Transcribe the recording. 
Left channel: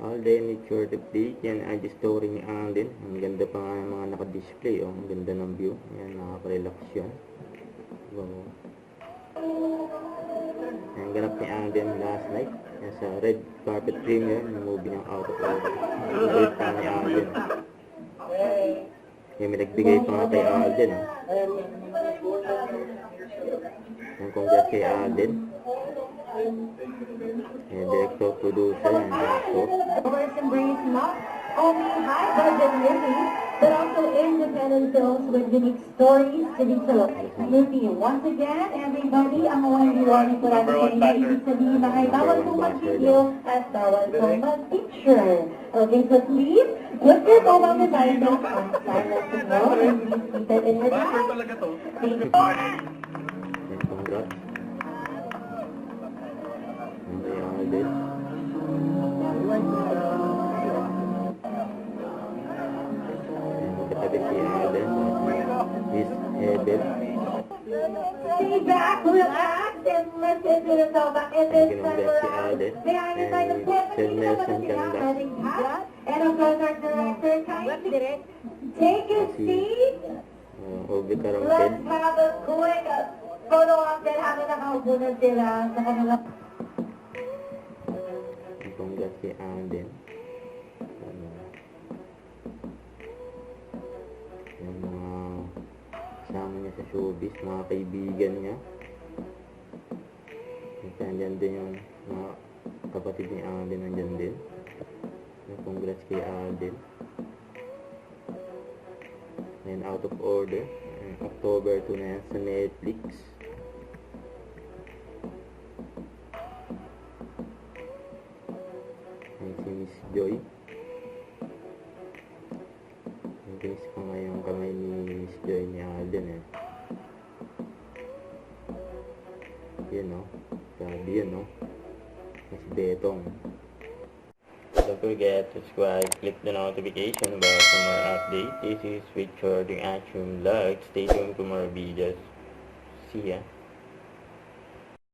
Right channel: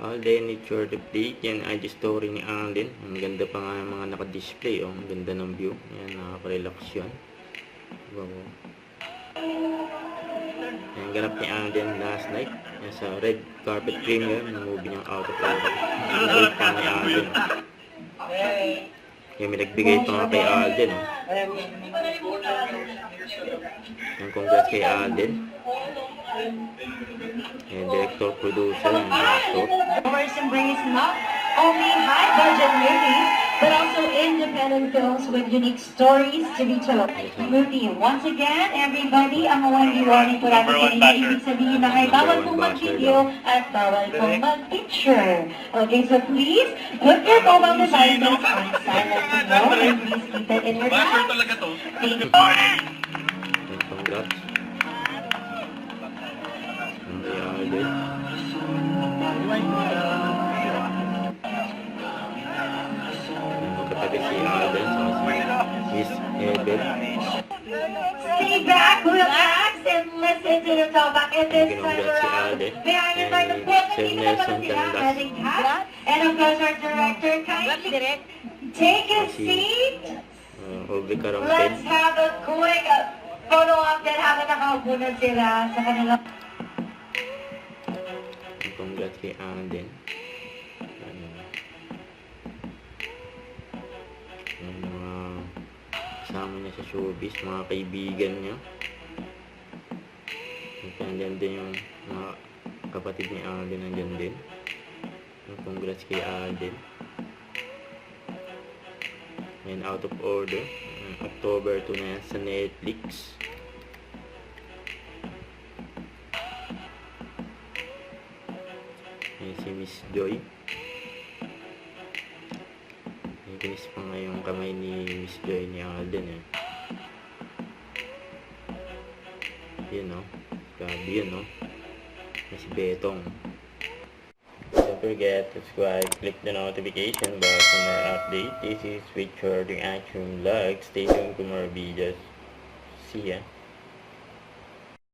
Alden, it's your update. Yan IG story ni Alden. Ang ganda pa nga ng mga naka-display. Oh. Ang ganda ng view. Yan, nakaka-relax yun. Wow. Ang ganap ni Alden last night. Yan sa red carpet premiere. Ang movie niyang out of order. Ang great pa ni Alden. Yan, may nagbigay pa nga kay Alden. Oh. Yan, congrats kay Alden. Yan, director, producer, and actor. Ours embrace not only high-budget movies, but also independent films with unique stories to be told. Movie, once again, everybody, ang award-awarding po natin kanina, ibig sabihin na ay bawal pong mag-video at bawal pong mag-picture. Okay, so please, put your mobile devices on silent mode and please keep it in your bag. Thank you. Congrats. Ang Alden. Katabi si Alden sa si Miss Ebel. Stay back, relax, and listen to the talkback in this time Congrats si around. Alden. May I invite the Sir Nelson Tandas. and of course our director, kindly take a seat. Obi Let's Karampin. have a quick photo op din habang nakaupo na sila sa kanilang... Congrats kay Alden. Yung mga kasama niya sa showbiz, mga kaibigan niya. Nandiyan din yung mga kapatid ni Alden, nandiyan din. Congrats kay Alden. And Out of Order, October 2 na sa Netflix. Yan si Miss Joy. Naginis pa nga yung kamay ni Miss Joy ni Alden. Yun no. Grabe yun no. Si Betong. Don't forget to subscribe, click the notification bell for more updates. This is Richard, the Action Vlog. Stay tuned for more videos. See ya.